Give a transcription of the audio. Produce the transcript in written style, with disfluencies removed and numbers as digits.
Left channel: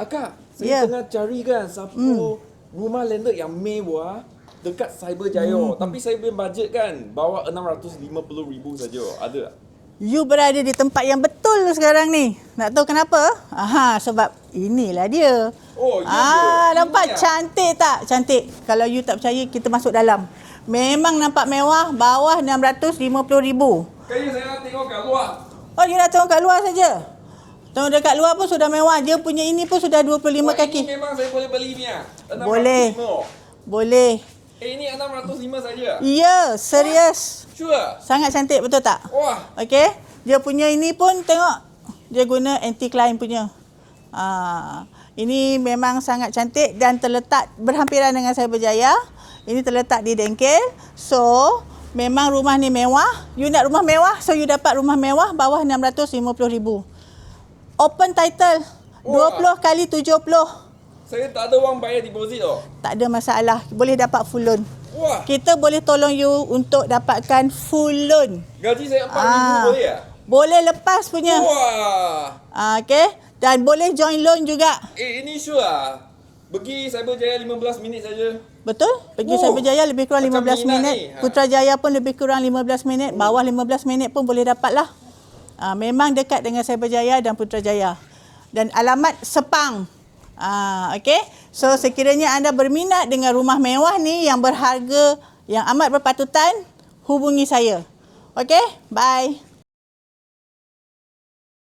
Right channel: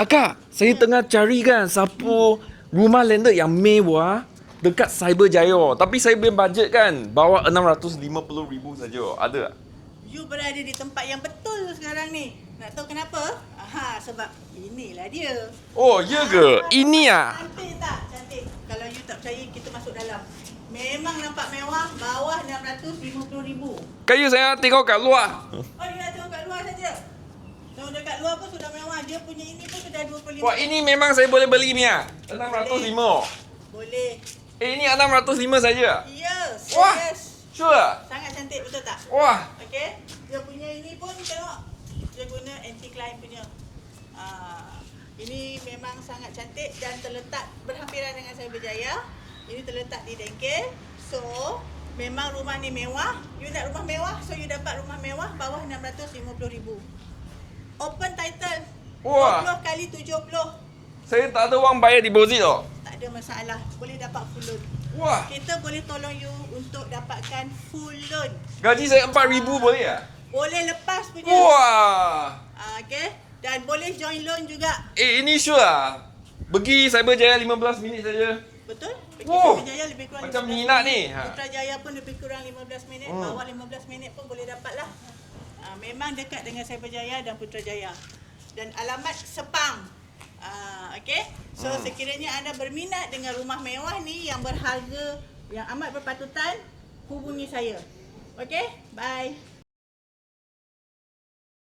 Akak, saya Ya. tengah cari kan siapa rumah landed yang mewah dekat Cyberjaya. Tapi saya punya bajet kan bawah 650,000 saja. Ada tak? You berada di tempat yang betul sekarang ni. Nak tahu kenapa? Aha, sebab inilah dia. Oh, ya ke? Ini nampak ah. cantik tak? Cantik. Kalau you tak percaya, kita masuk dalam. Memang nampak mewah, bawah 650,000. Kayu saya tengok kat luar. Oh, dia dah tengok kat luar saja. Tengok dekat luar pun sudah mewah. Dia punya ini pun sudah 25 Wah, kaki. ini memang saya boleh beli ni ah. Boleh. 605. Boleh. Ini 605 saja. Ya, serius. Sure. Sangat cantik, betul tak? Wah. Okey. Dia punya ini pun tengok. Dia guna anti-climb punya. Ini memang sangat cantik dan terletak berhampiran dengan Cyberjaya. Ini terletak di Dengkel. So, memang rumah ni mewah. You nak rumah mewah, so you dapat rumah mewah bawah 650,000. Open title. Wah. 20 kali 70. Saya tak ada wang bayar deposit tau. Tak ada masalah. Boleh dapat full loan. Wah. Kita boleh tolong you untuk dapatkan full loan. Gaji saya 4,000 boleh tak? Boleh lepas punya. Wah. Okey. Dan boleh join loan juga. Ini sure lah. Pergi Cyberjaya 15 minit saja. Betul? Pergi Oh, Cyberjaya lebih kurang macam 15 minat minit. ni. Putrajaya pun lebih kurang 15 minit. Bawah 15 minit pun boleh dapat lah. Memang dekat dengan Cyberjaya dan Putrajaya. Dan alamat Sepang. Okey. So sekiranya anda berminat dengan rumah mewah ni yang berharga, yang amat berpatutan, hubungi saya. Okey? Bye.